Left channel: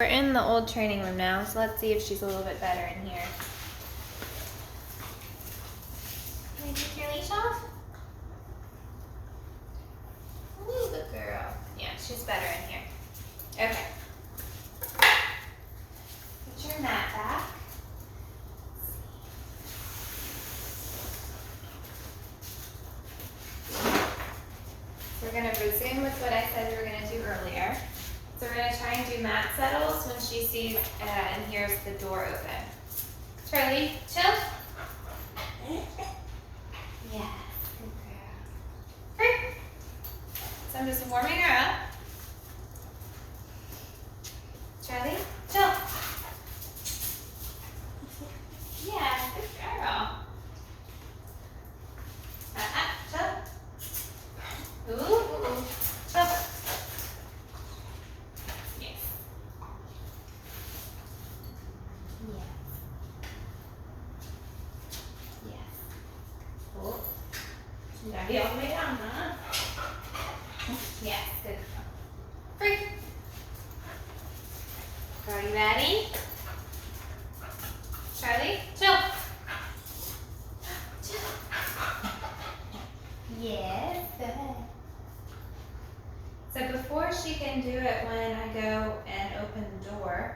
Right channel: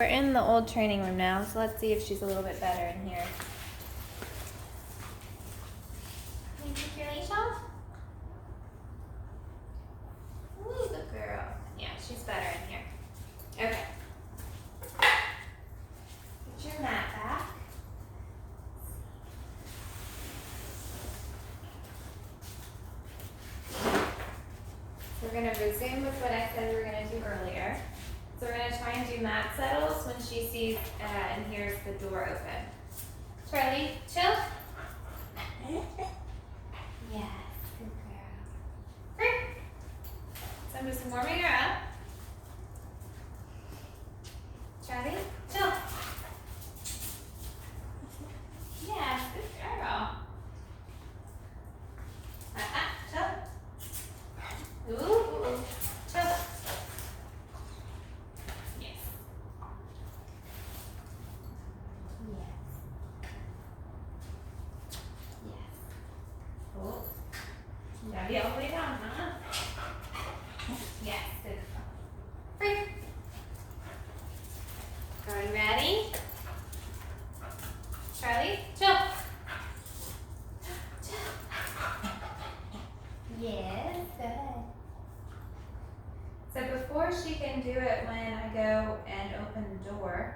We're in the old training room now, so let's see if she's a little bit better in here. Can I take your leash off? Ooh, good girl. Yeah, she's better in here. Okay. Put your mat back. So we're going to resume with what I said we were going to do earlier. So we're going to try and do mat settles when she sees and hears the door open. Charlie, chill. Yeah, good girl. Great. So I'm just warming her up. Charlie, chill. Yeah, good girl. Chill. Ooh, chill. Yes. Yes. Yes. Oh. You gotta be all the way down, huh? Yes, good girl. Free. Are you ready? Charlie, chill. Chill. Yes, good. So before she can do it when I go and open the door,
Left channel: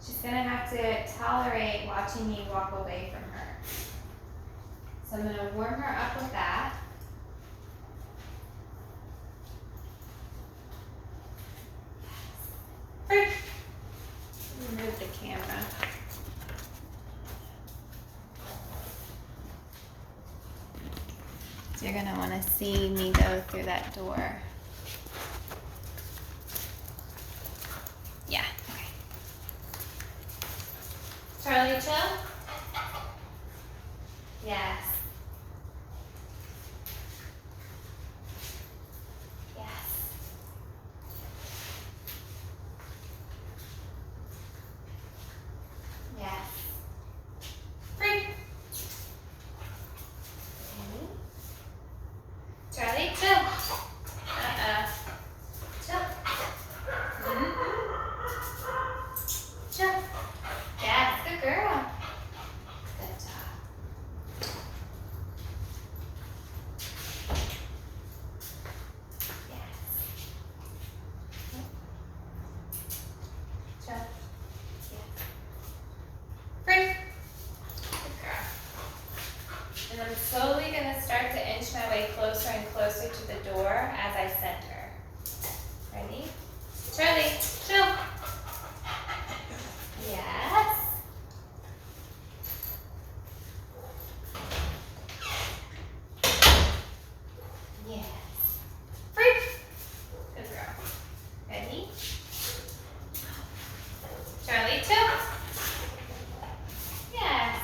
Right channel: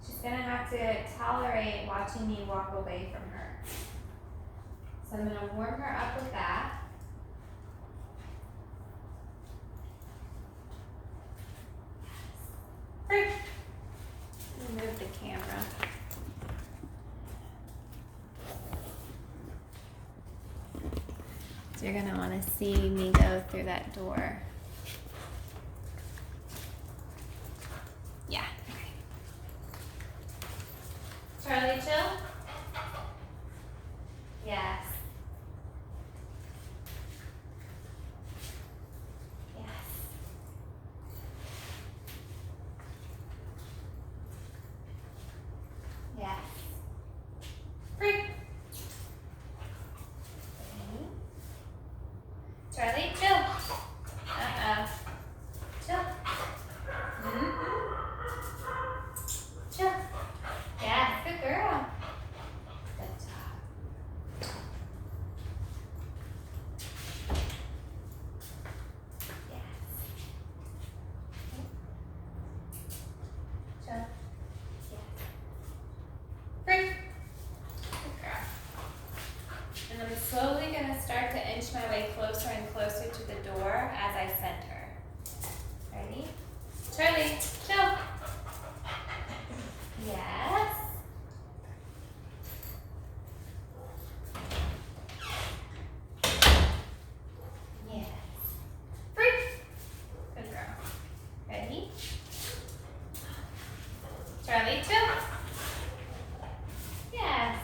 she's gonna have to tolerate watching me walk away from her. So I'm gonna warm her up with that. Free. Move the camera. So you're gonna wanna see me go through that door. Yeah, okay. Charlie, chill. Yes. Yes. Yes. Free. Okay. Charlie, chill. Chill. Chill. Yes, good girl. Good job. Yes. Chill. Yes. Free. Good girl. And I'm slowly going to start to inch my way closer and closer to the door as I center. Ready? Charlie, chill. Yes. Yes. Free. Good girl. Ready? Charlie, chill. Yes.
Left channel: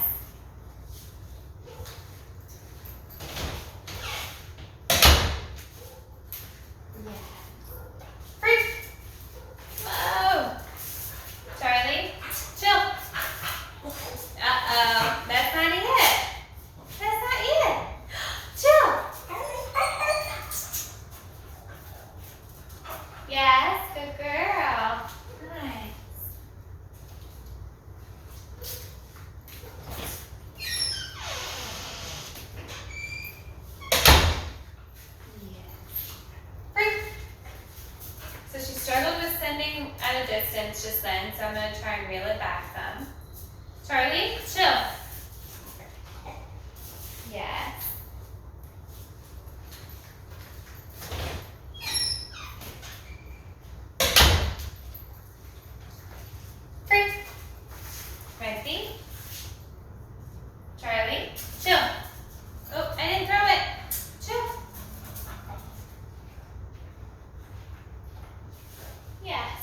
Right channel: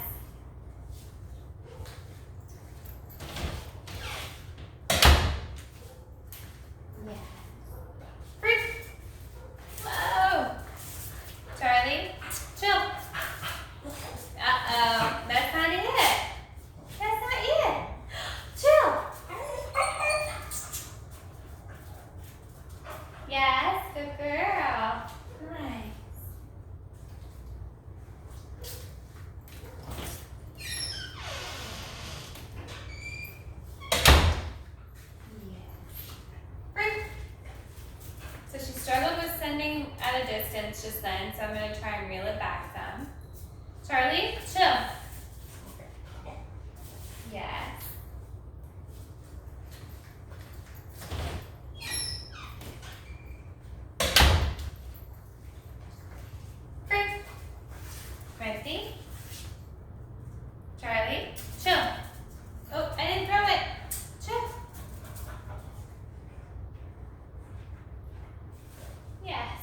Yes. Free. Whoa. Charlie, chill. Uh-oh. That's not it. That's not it. Chill. Yes, good girl. Nice. Free. So she struggled with sending at a distance just then, so I'm going to try and reel it back some. Charlie, chill. Yes. Free. Ready? Charlie, chill. Oh, I didn't throw it. Chill. Yes.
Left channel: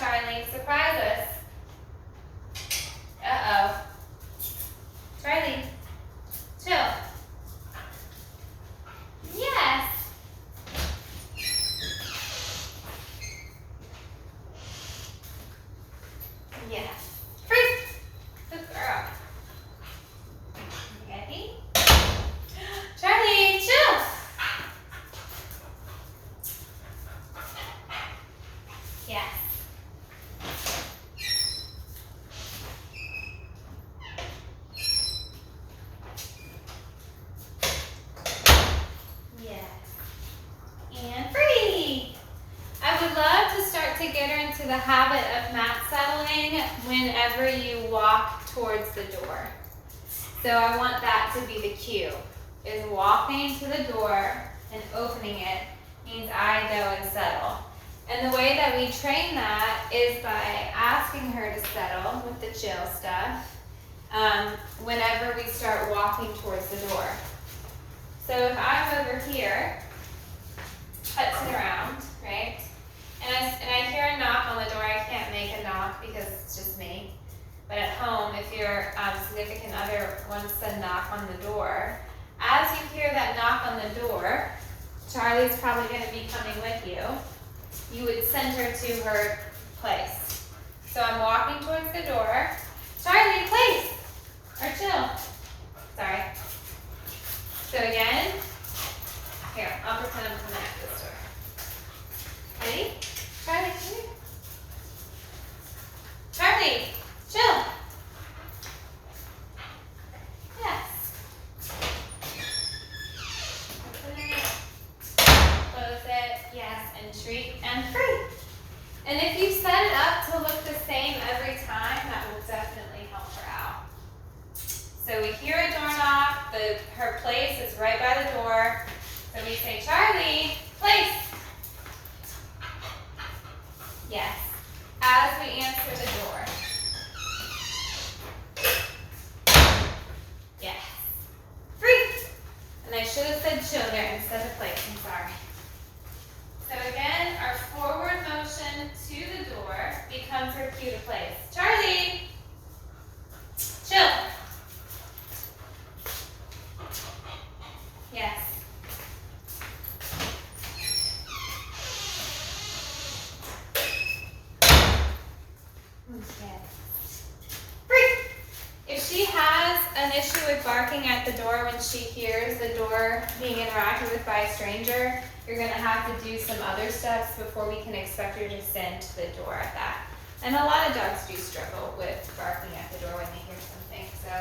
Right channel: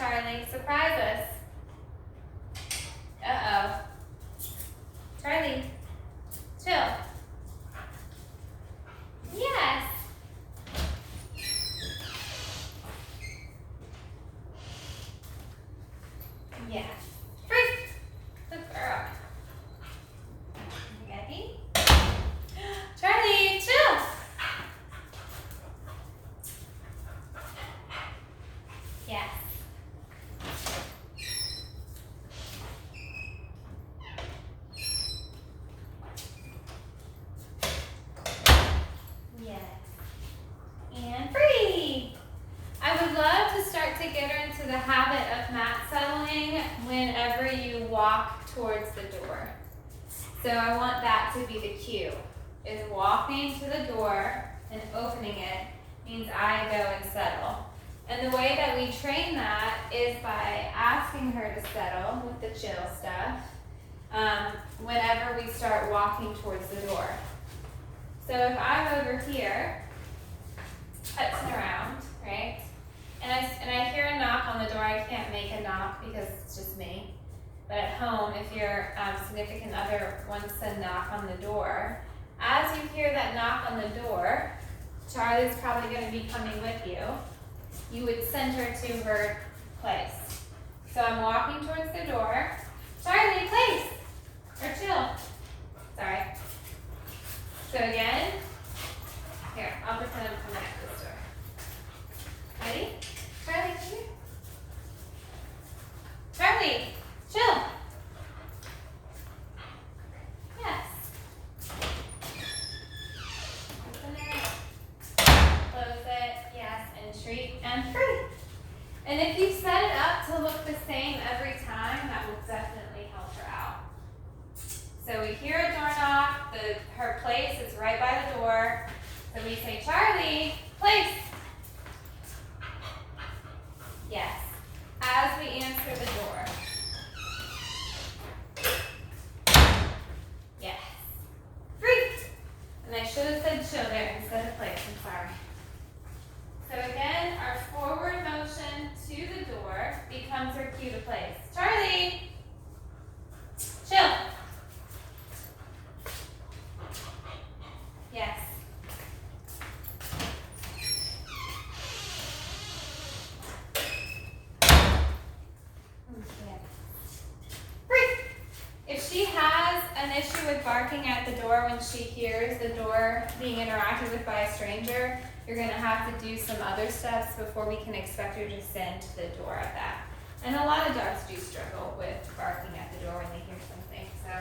Charlie. Surprise us. Uh-oh. Charlie, chill. Yes. Yes. Freeze. Good girl. Ready? Charlie, chill. Yes. And free! I would love to start to get her into the habit of mat settling whenever you walk towards the door. So I want that to be the cue, is walking to the door and opening it means I go and settle. And the way that we train that is by asking her to settle with the chill stuff whenever we start walking towards the door. So if I'm over here, putzing around, right? And I hear a knock on the door. I can't make a knock because it's just me. But at home, if your significant other wants to knock on the door, as you hear that knock on the door, Charlie's probably going to be coming with you. You would send her to her place. So I'm walking towards the door. Charlie, place! Or chill. Sorry. So again, here, I'll pretend I'm coming at this door. Ready? Charlie, come here. Charlie, chill. Yes. Open it. Close it. Yes. And treat and free. And if you set it up to look the same every time, that will definitely help her out. So we hear a door knock. Her place is right by the door. So we say, Charlie, place. Yes. As we answer the door. Yes. Free. And I should have said chill there instead of place. I'm sorry. So again, our forward motion to the door becomes her cue to place. Charlie, chill. Yes. If she has an issue with barking at the door when she hears the door being interacted with by a stranger, you're going to have to do some other steps before we can expect her to send to the door at that. And a lot of dogs do struggle with barking at the door when they hear something, so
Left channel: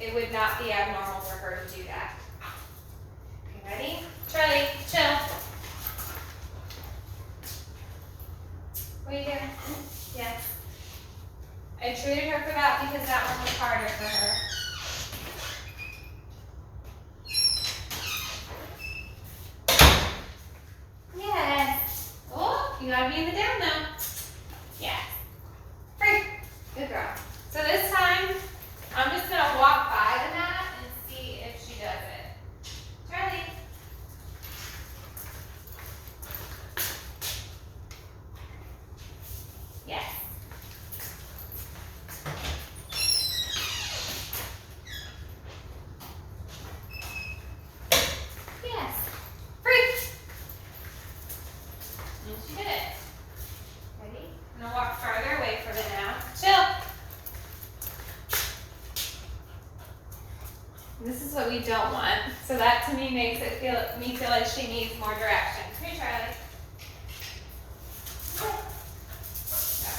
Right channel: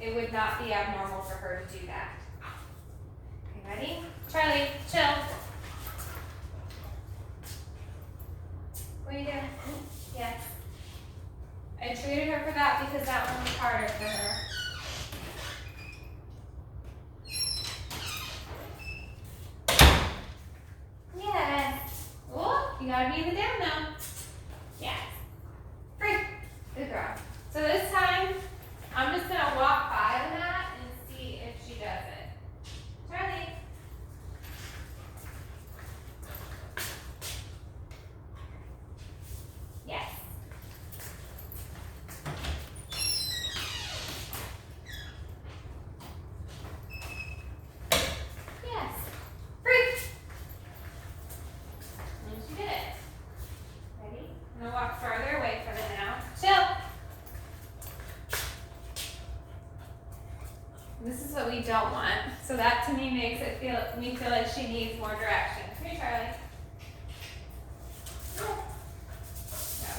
it would not be abnormal for her to do that. Okay, ready? Charlie, chill. What are you doing? Yes. I treated her for that because that one was harder for her. Yes. Oh, you gotta be in the down now. Yes. Free. Good girl. So this time, I'm just gonna walk by the mat and see if she does it. Charlie. Yes. Yes. Free. And she did it. Ready? I'm gonna walk farther away from it now. Chill. This is what we don't want. So that to me makes it me feel like she needs more direction. Come here, Charlie.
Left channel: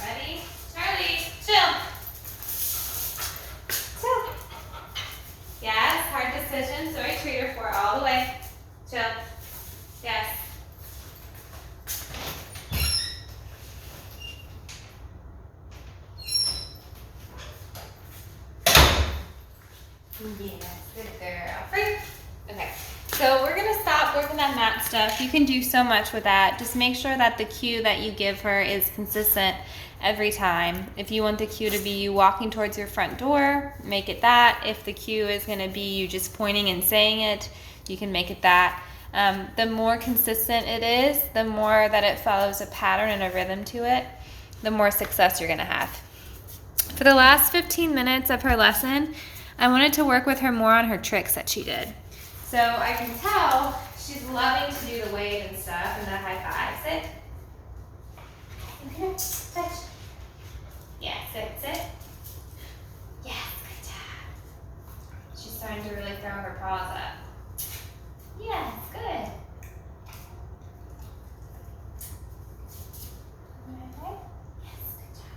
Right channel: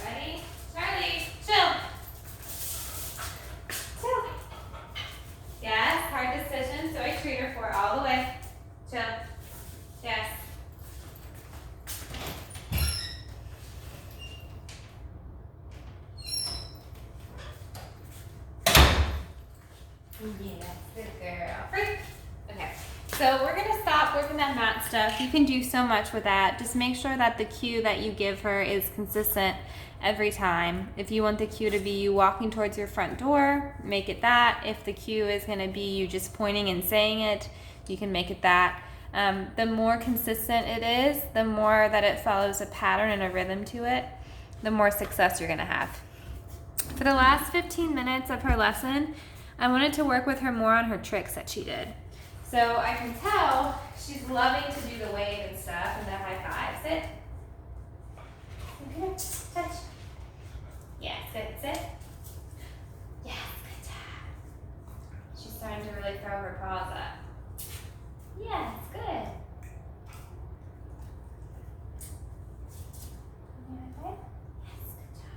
Ready? Charlie, chill. Chill. Yes, hard decision, so I treat her for it all the way. Chill. Yes. Yes, good girl. Free. Okay, so we're gonna stop working that mat stuff. You can do so much with that. Just make sure that the cue that you give her is consistent every time. If you want the cue to be you walking towards your front door, make it that. If the cue is gonna be you just pointing and saying it, you can make it that. The more consistent it is, the more that it follows a pattern and a rhythm to it. the more success you're gonna have. For the last 15 minutes of her lesson, I wanted to work with her more on her tricks that she did. So I can tell she's loving to do the wave and stuff and the high five. Sit. Okay, touch. Yeah, sit. Yes, good job. She's starting to really throw her paws up. Yes, good. Okay. Yes, good job.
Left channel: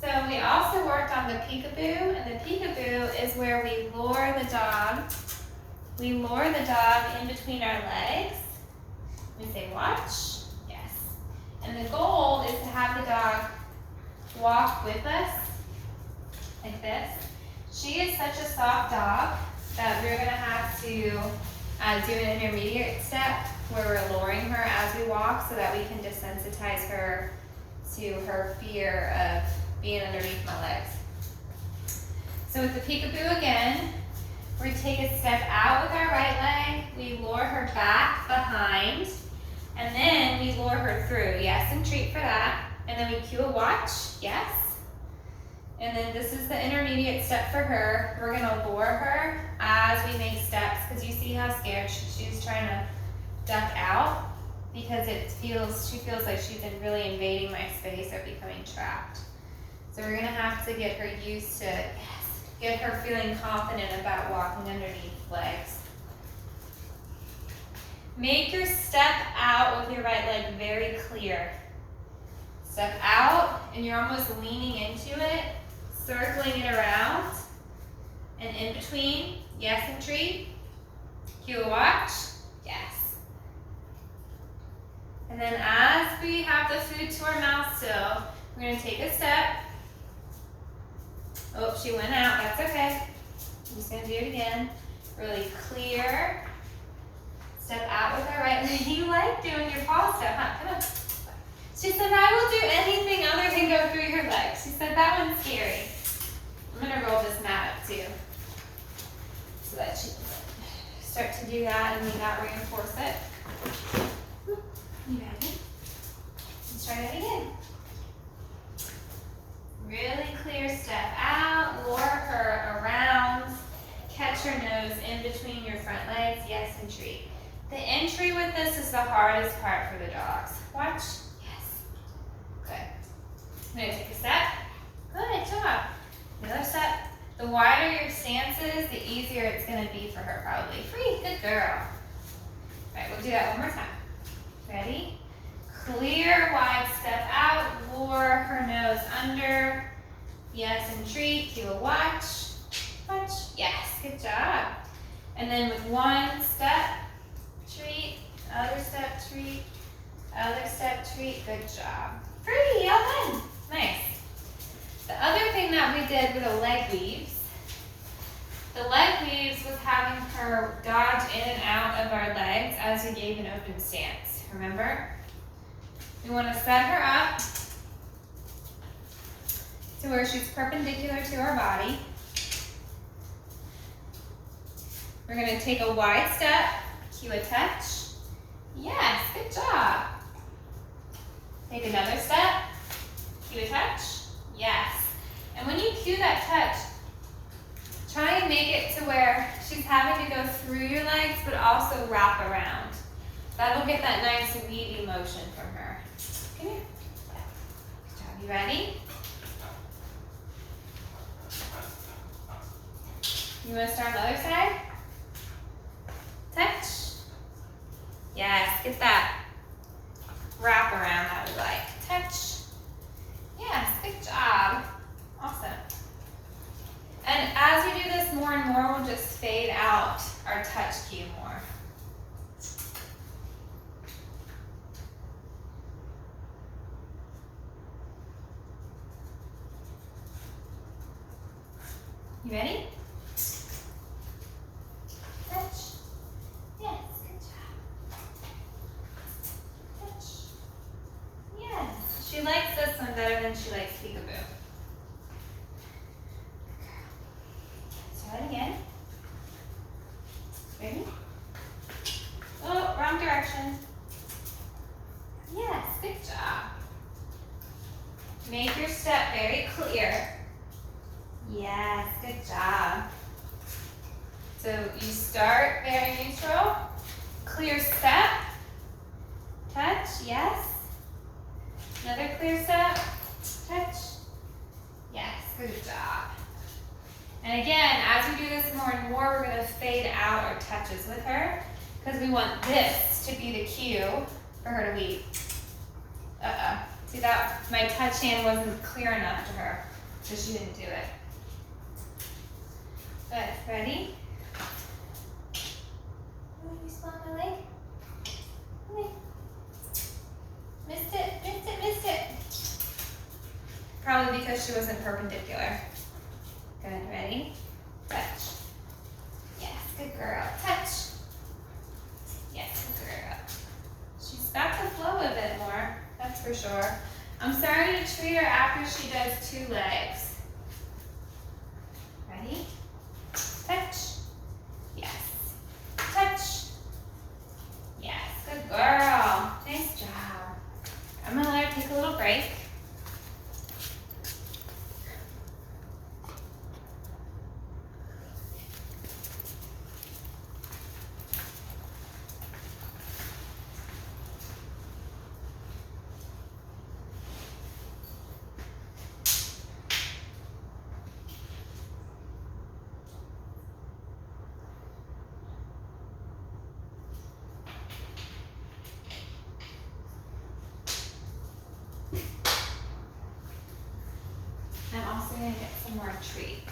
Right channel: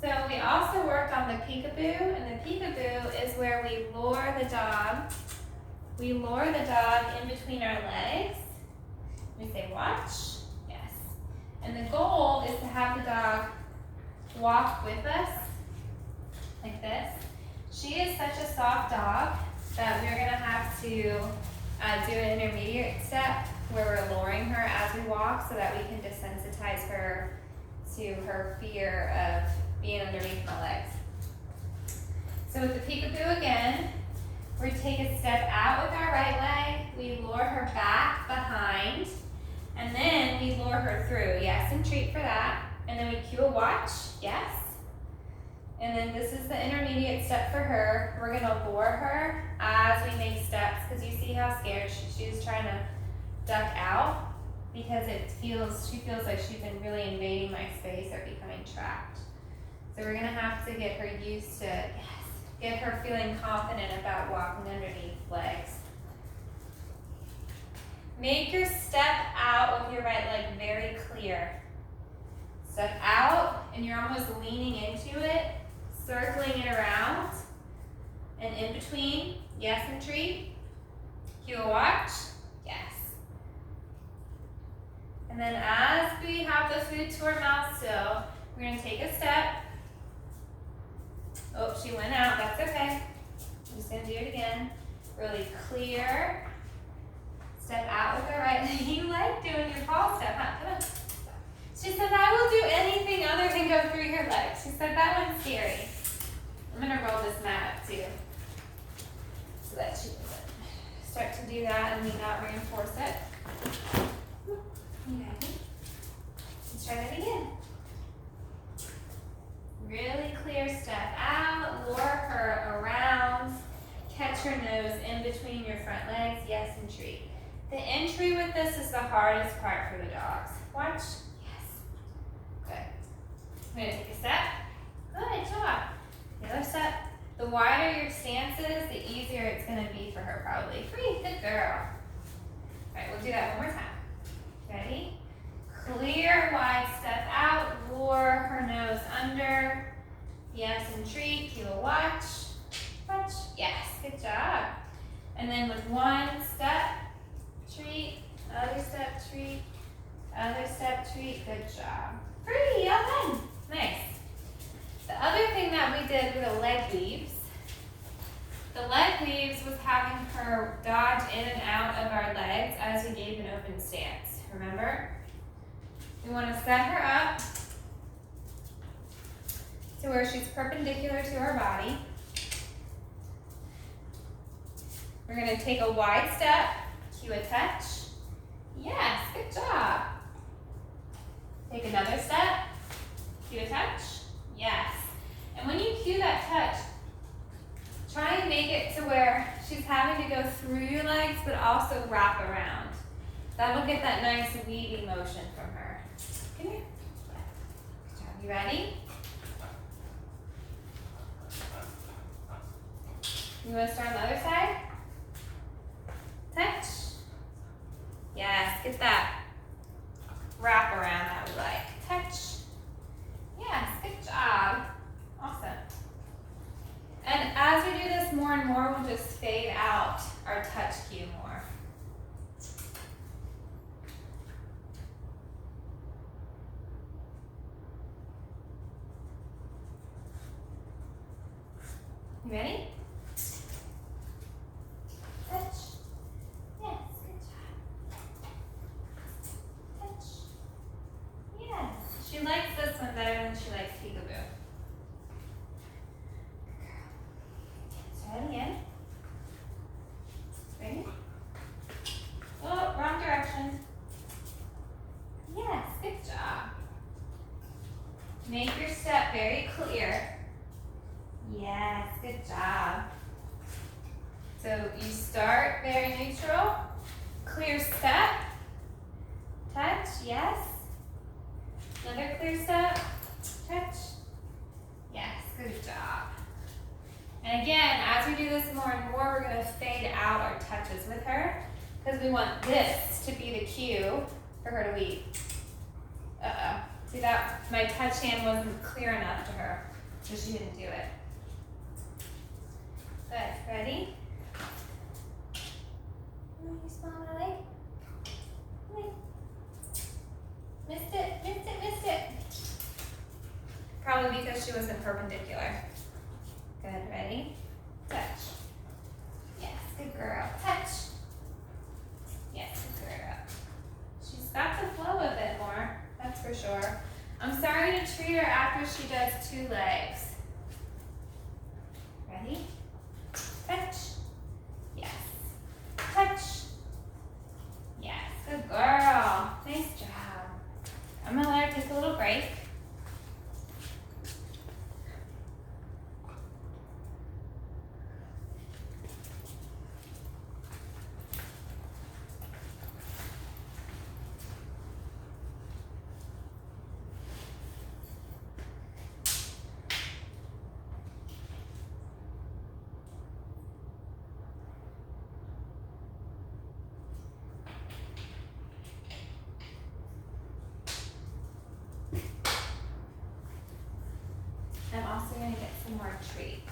So we also worked on the peekaboo, and the peekaboo is where we lure the dog. We lure the dog in between our legs. We say watch. Yes. And the goal is to have the dog walk with us like this. She is such a soft dog that we're gonna have to do an intermediate step where we're luring her as we walk so that we can desensitize her to her fear of being underneath my legs. So with the peekaboo again, we take a step out with our right leg, we lure her back behind, and then we lure her through. Yes, and treat for that. And then we cue a watch, yes. And then this is the intermediate step for her. We're gonna lure her as we make steps, because you see how scared she's trying to duck out, because she feels like she's been really invading my space or becoming trapped. So we're gonna have to get her used to, yes, get her feeling confident about walking underneath legs. Make your step out with your right leg very clear. Step out, and you're almost leaning into it, circling it around, and in between, yes, and treat. Cue a watch, yes. And then as we have the food to our mouth still, we're gonna take a step. Oh, she went out, that's okay. I'm just gonna do it again. Really clear. Step out with her right leg. You like doing your paw step, huh? Come on. She said, I will do anything other than go through your legs. She said, that one's scary. I'm gonna roll this mat up too, so that she can start to do that and we not reinforce it. You ready? Let's try it again. Really clear step out, lure her around, catch her nose in between your front legs, yes, and treat. The entry with this is the hardest part for the dogs. Watch, yes, good. I'm gonna take a step, good job. Another step. The wider your stance is, the easier it's gonna be for her probably. Free, good girl. All right, we'll do that one more time. Ready? Clear, wide step out, lure her nose under. Yes, and treat, cue a watch. Watch, yes, good job. And then with one step, treat, other step, treat, other step, treat, good job. Free, all done, nice. The other thing that we did with the leg weaves was having her dodge in and out of our legs as we gave an open stance, remember? We want to set her up to where she's perpendicular to our body. We're going to take a wide step, cue a touch. Yes, good job. Take another step, cue a touch. Yes. And when you cue that touch, try and make it to where she's having to go through your legs, but also wrap around. That'll get that nice weaving motion from her. Come here. Good job. You ready? You want to start on the other side? Touch. Yes, get that wrap around that we like. Touch. Yes, good job. Awesome. And as we do this more and more, we'll just fade out our touch cue more. You ready? Touch. Yes, good job. Touch. Yes. She likes this one better than she likes peekaboo. Try it again. Ready? Oh, wrong direction. Yes, good job. step very clear. Yes, good job. So you start very neutral, clear step, touch, yes. Another clear step, touch, yes, good job. And again, as we do this more and more, we're gonna fade out our touches with her because we want this to be the cue for her to lead. See that? My touch hand wasn't clear enough to her, so she didn't do it. Good, ready? Oh, you saw my leg? Leg. Missed it, missed it, missed it. Probably because she wasn't perpendicular. Good, ready? Touch. Yes, good girl. Touch. Yes, good girl. She's got the flow of it more, that's for sure. I'm starting to treat her after she does 2 legs. Ready? Touch. Yes. Touch. Yes, good girl. Nice job. I'm gonna let her take a little break. I'm also going to get some more treats.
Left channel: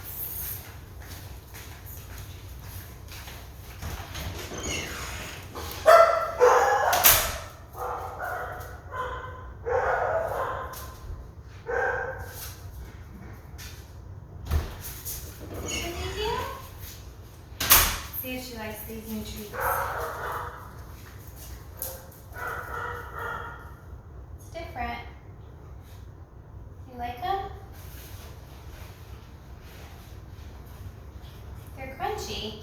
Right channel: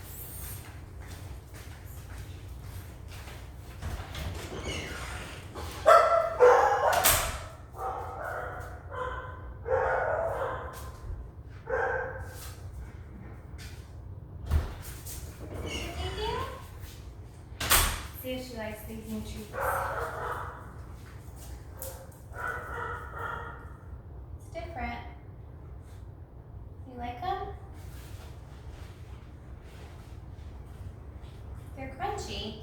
Thank you. See if she likes these new treats. It's different. You like them? They're crunchy.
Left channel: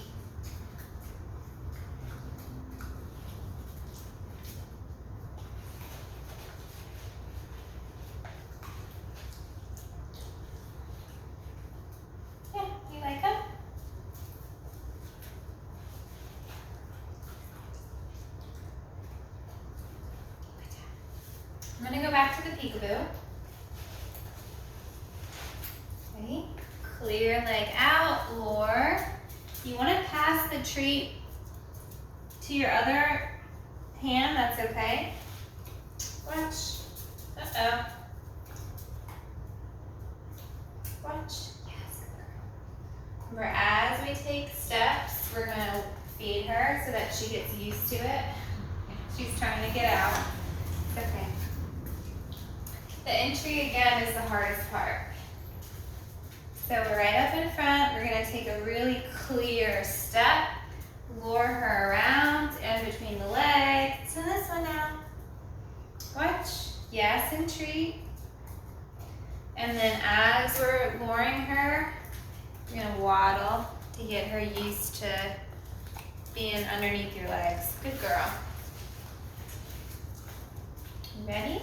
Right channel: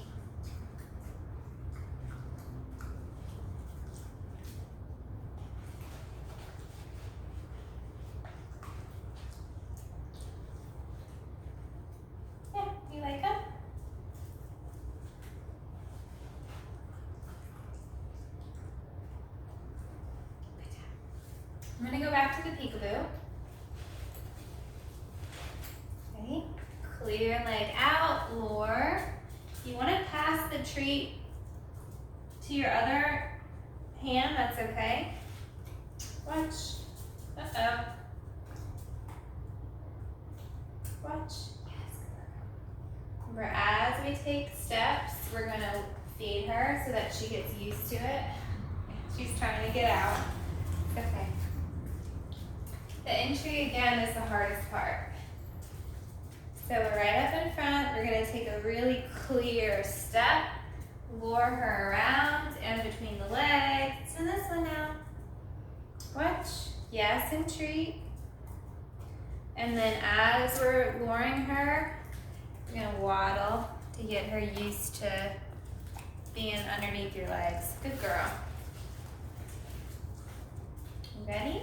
Yeah, you like them? I'm gonna go back to the peekaboo. Ready? Clear leg out, lure. You want to pass the treat to your other hand, that's okay. Watch. Uh-oh. Watch. Yes. Remember, as we take steps, we're going to feed her so that she gets used to it. She's trying to get out. Okay. The entry, again, is the hardest part. So we're right up in front. We're going to take a really clear step, lure her around and between the legs. And this one now. Watch. Yes, and treat. And then as we're luring her, we're going to waddle to get her used to being underneath your legs. Good girl. Ready?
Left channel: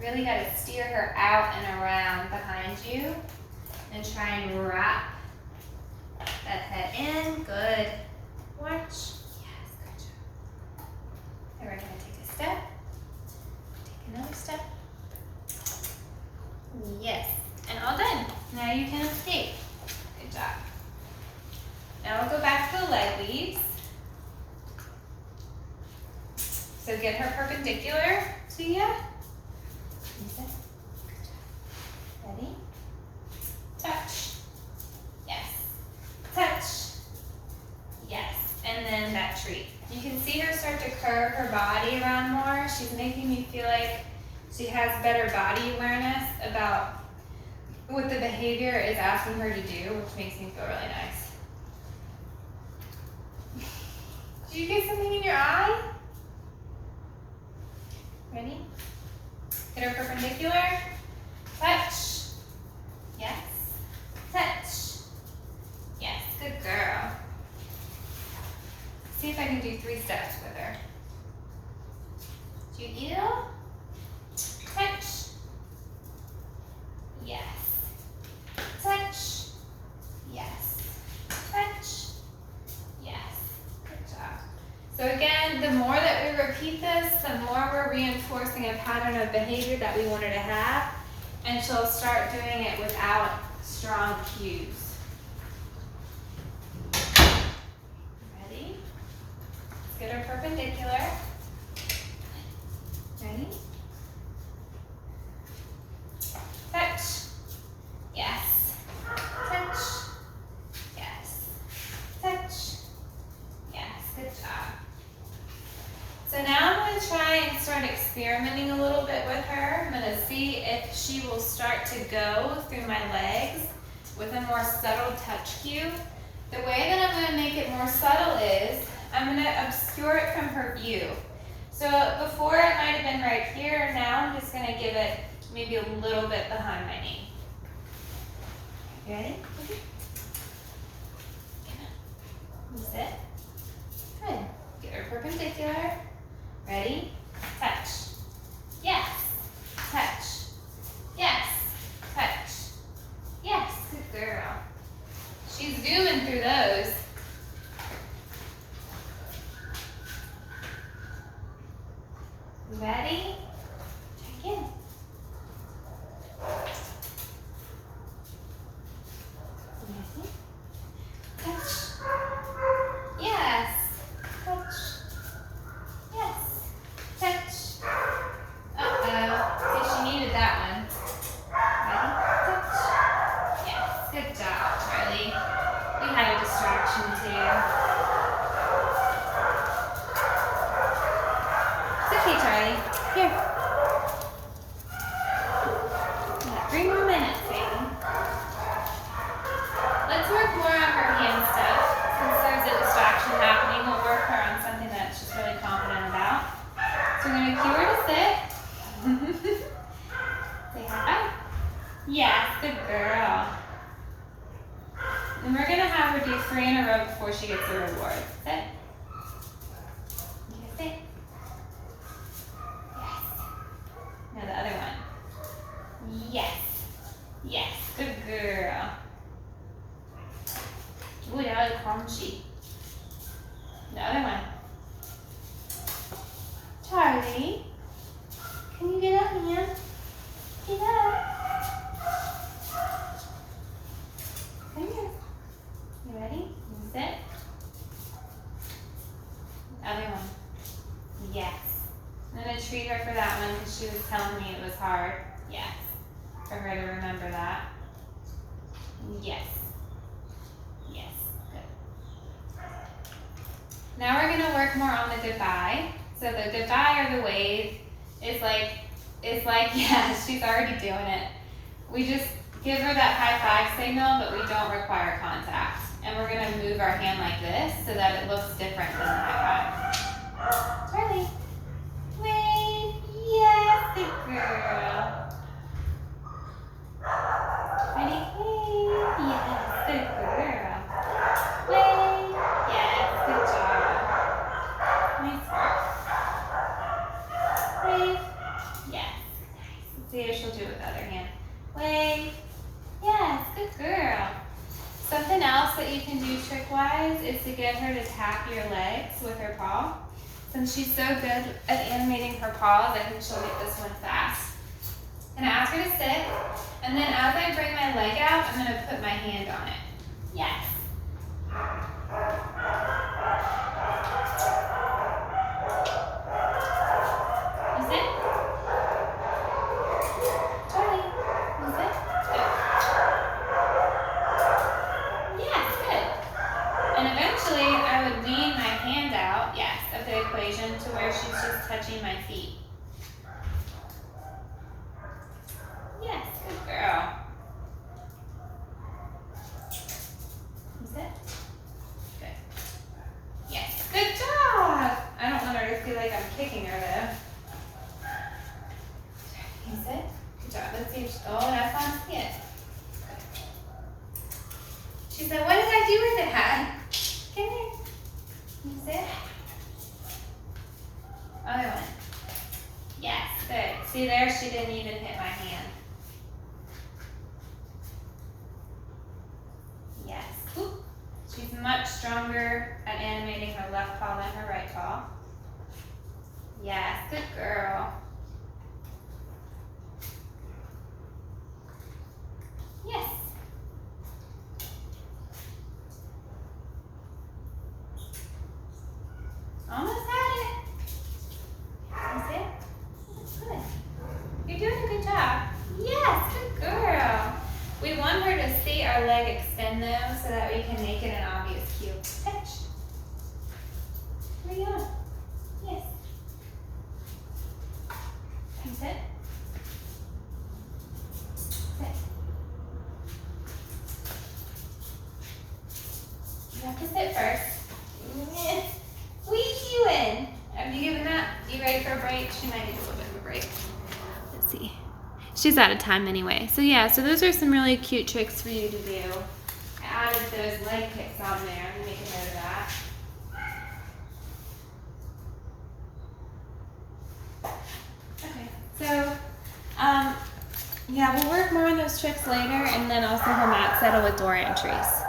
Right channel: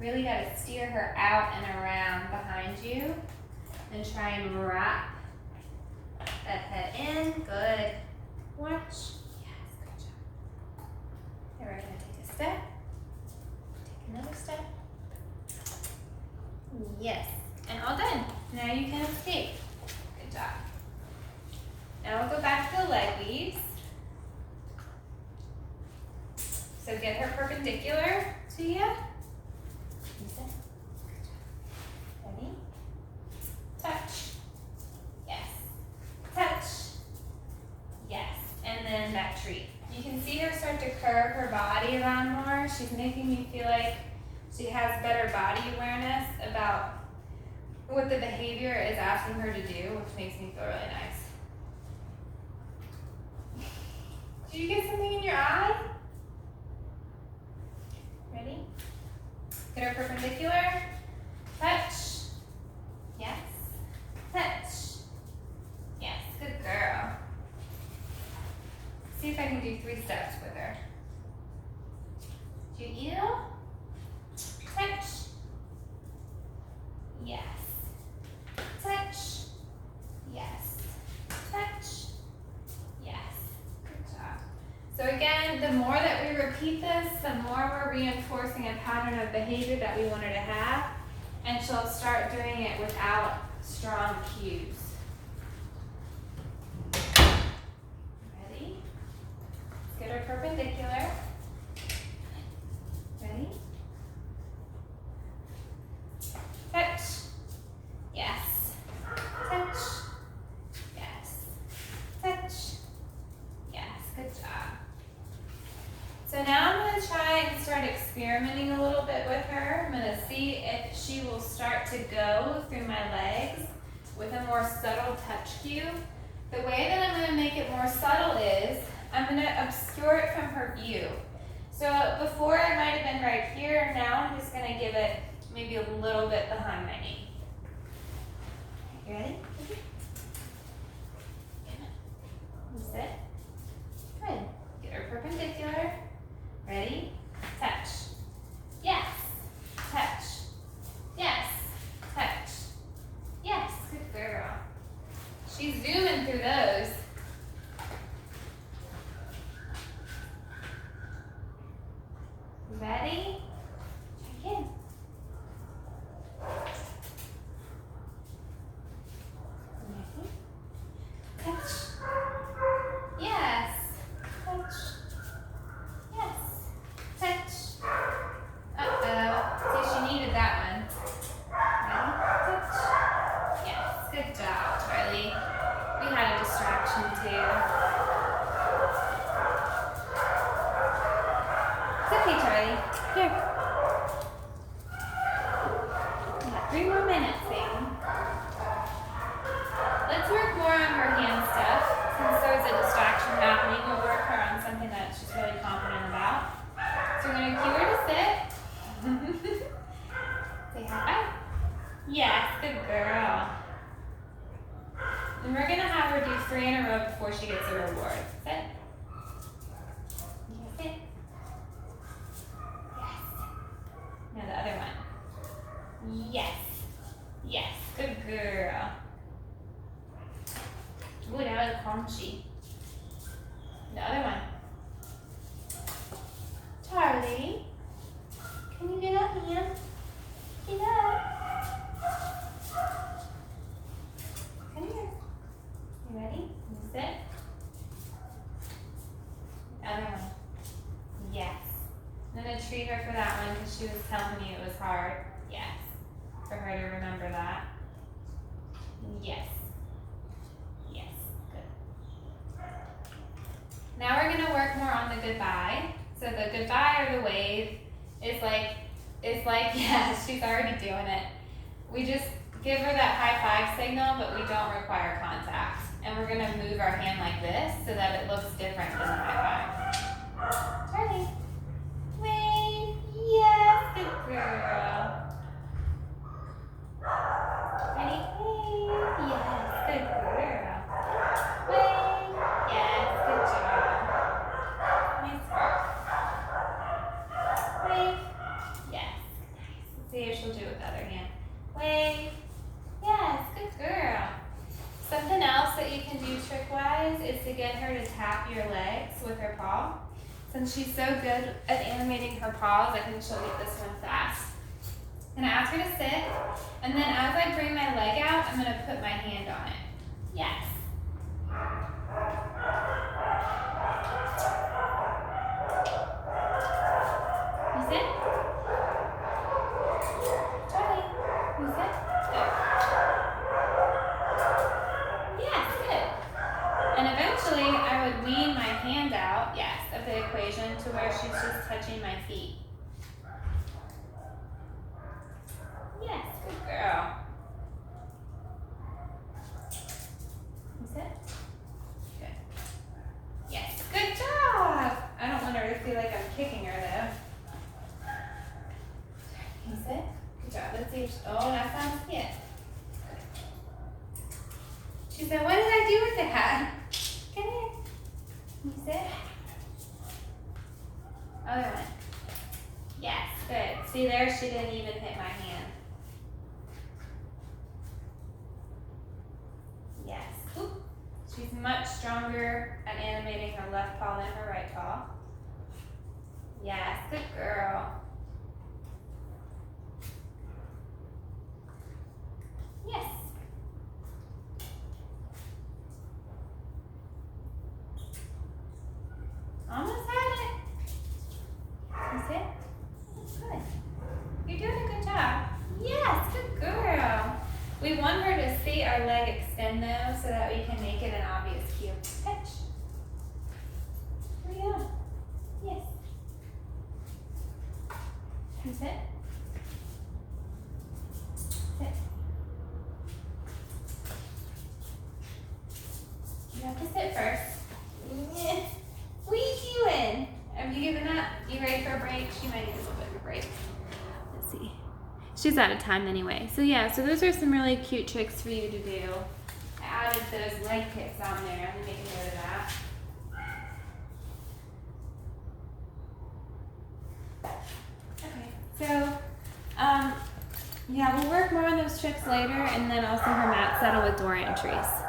Really got to steer her out and around behind you and try and wrap that head in. Good. Watch. Yes, good job. And we're going to take a step. Take another step. Yes. And all done. Now you can escape. Good job. Now we'll go back to the leg leads. So get her perpendicular to you. Ready? Touch. Yes. Touch. Yes. And then that treat. You can see her start to curve her body around more. She's making me feel like she has better body awareness about what the behavior is asking her to do, which makes me feel really nice. Did you get something in your eye? Ready? Get her perpendicular. Touch. Yes. Touch. Yes. Good girl. See if I can do 3 steps with her. Did you eat it all? Touch. Yes. Touch. Yes. Touch. Yes. Good job. So again, the more that we repeat this, the more we're reinforcing a pattern of behavior that we want her to have, and she'll start doing it without strong cues. Ready? Let's get her perpendicular. Ready? Touch. Yes. Touch. Yes. Touch. Yes. Good job. So now I'm going to try and start experimenting a little bit with her. I'm going to see if she will start to go through my legs with a more subtle touch cue. The way that I'm going to make it more subtle is I'm going to obscure it from her view. So before it might have been right here, now I'm just going to give it maybe a little bit behind my knee. You ready? Sit. Good. Get her perpendicular. Ready? Touch. Yes. Touch. Yes. Touch. Yes. Good girl. She's zooming through those. Ready? Try again. Ready? Touch. Yes. Touch. Yes. Touch. See, she needed that one. Ready? Touch. Yes. Good job, Charlie. We had a distraction too. It's okay, Charlie. Here. We got 3 more minutes, baby. Let's work more on her hand stuff. Since there's a distraction happening, we'll work her on something that she's really confident about. So we're going to cue her to sit. Say high five. Yes, good girl. And we're going to have her do 3 in a row before she gets a reward. Sit. Okay, sit. Yes. Now the other one. Yes. Yes, good girl. Ooh, that was crunchy. The other one. Charlie, can you get up, man? Get up. Come here. You ready? You sit. The other one. Yes. I'm going to treat her for that one because she was telling me it was hard. Yes. For her to remember that. Yes. Yes. Good. Now we're going to work more on the goodbye. So the goodbye or the wave is like, yeah, she's already doing it. We just give her that high five signal, but we don't require contact. And we're going to move our hand like this so that it looks different than the high five. Charlie. Wave. Yes, good girl. Ready? Wave. Yes, good girl. Wave. Yes, good job. Nice work. Wave. Yes. Nice. Let's see if she'll do it with the other hand. Wave. Yes, good girl. Something else that you can do trick-wise is to get her to tap your legs with her paw. Since she's so good at animating her paws, I think she'll get this one fast. And I ask her to sit, and then as I bring my leg out, I'm going to put my hand on it. Yes. You sit? Charlie, you sit? Good. Yes, good. And eventually, I would lean my hand out, yes, of the equation to where she's just touching my feet. Yes, good girl. You sit? Good. Yes, good job. I don't want her to feel like I'm kicking her though. You sit? Good job. Let's see if she, oh, that sounds good. She said, what did I do with the hat? Come here. You sit. Other one. See there, she didn't even hit my hand. Yes. Oop. She's much stronger at animating her left paw than her right paw. Yes, good girl. Yes. Almost had it. That's it. That's good. You're doing a good job. Yes, good girl. We want her to see our leg extend though, so that we can make it an obvious cue. Touch. Here we go. Yes. Can you sit? Sit. You have to sit first. What are you doing? Have you given that? You ready for a break? She might need a little bit of a break. Let's see. She's out of time anyway. So yeah, so those are some really cute tricks for you to do. I added those leg kicks on there. Let me make a note of that. Okay, so yeah, we'll work more on those tricks later, and then also her mat settle with door entries.